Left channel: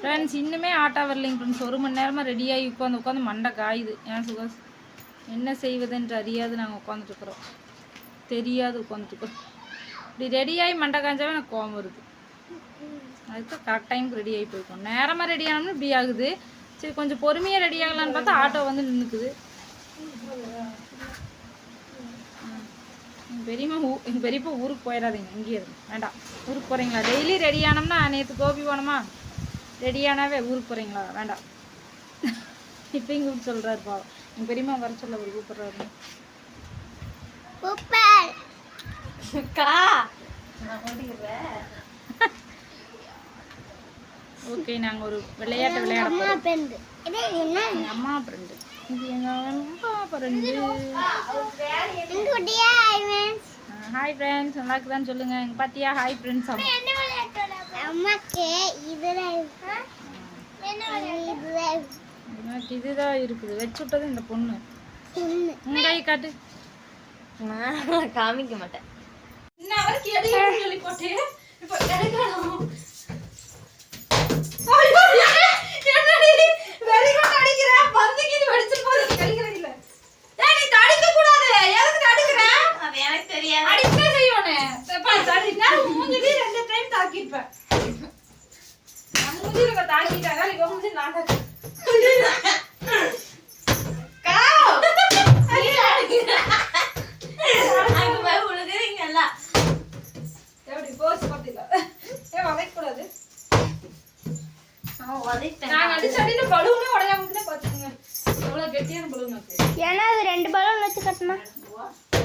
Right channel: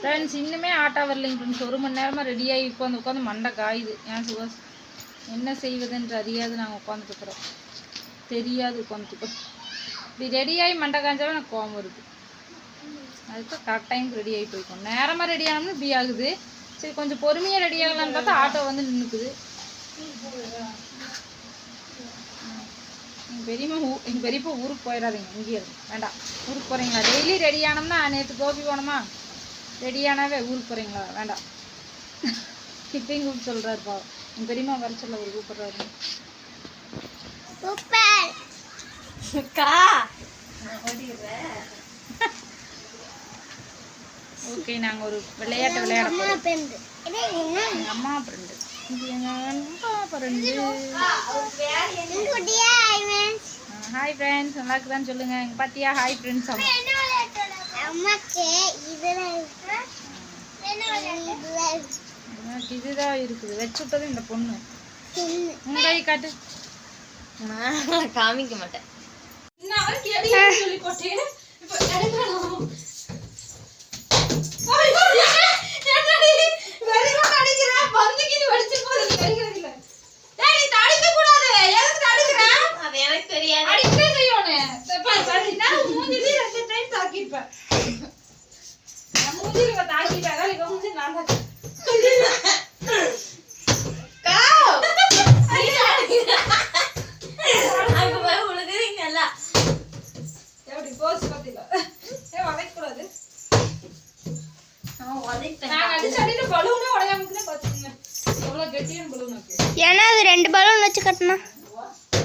Friends இன்னுமே auto வரலைங்க friends ஒரு மணி நேரமாக ரெடியாகி உட்காந்து உட்காந்து மண்டை காயுது. ஏன் சுகாஸ் என்ன செய்வதென்று அறியாது நாங்கள் உட்காந்துட்டுருக்குறோம் தெரியாது உட்காந்துட்டுக்கிறோம் இப்படி ரெடியாகி மண்டை காய்ஞ்சாலும் எனக்கு கோவம் வருது. அதுக்கு கரெக்ட் டைமுக்கு ரெடி ஆகி போய்க்கும் நேரமாக ரெடி ஆனோம்னா இப்படி ஆகுது. சரி கொஞ்சம் பொறுமையாக ரெடி ஆகலான்னு பார்த்தா ஆட்டோ வந்து நின்றுக்குது எங்கள் பெரியம்மா ஊ எங்கள் பெரியப்பா ஊருக்கு போயிடாதீங்க இங்கேயே இருந்து வேண்டாம். ஊருக்கு போகிறீங்களா டெய்லி ரெடி ஆனோம்னா நேற்று கோபி போனோமா? ரெடி ஆனாவே ஊருக்கு போகிறீங்களா வேண்டாம். இப்பயும் கூப்பிட்டு சொல்கிறாரு பாவம். எங்கள் பெரியம்மா வர சொல்ல அவர் கூப்பிட்றாரு. கா ஓகே நாங்கள் ஒரு விளையாட்டு விளையாட போகிறோம் எங்கள் அம்மா ஃப்ரெண்டு இது எங்கள் அம்மா ஃப்ரெண்டு ஹாய் ஃப்ரெண்ட்ஸ் நல்லா இருக்குதான்னு சொல்லுங்கள் எங்கள் பாத்தியா? ஹாய் ஃப்ரெண்ட்ஸ் எனக்கு இதுதான் இருக்குது. வச்சு விட்டது இந்த பொண்ணு. உங்க கை காட்டு. நான் காமிக்க மாட்டேன். எனக்கு தெரியாது. அங்க ஏன்னா அது ரெண்டு பலூன் வச்சு கட்டினா.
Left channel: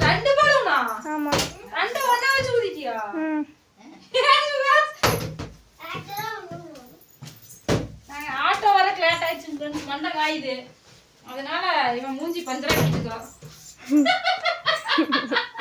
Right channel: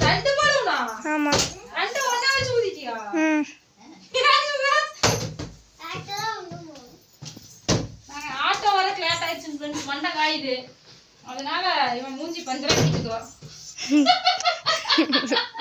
ரெண்டு பலூனா? ஆமா. ரெண்டு ஒண்ணா வச்சு ஊதிட்டியா ம். ஆட்டோ வர லேட் ஆயிடுச்சு ஃப்ரெண்ட்ஸ் மண்டை காயுது. அதனால இவன் மூஞ்சி பஞ்சரா கிட்டுக்கிறோம்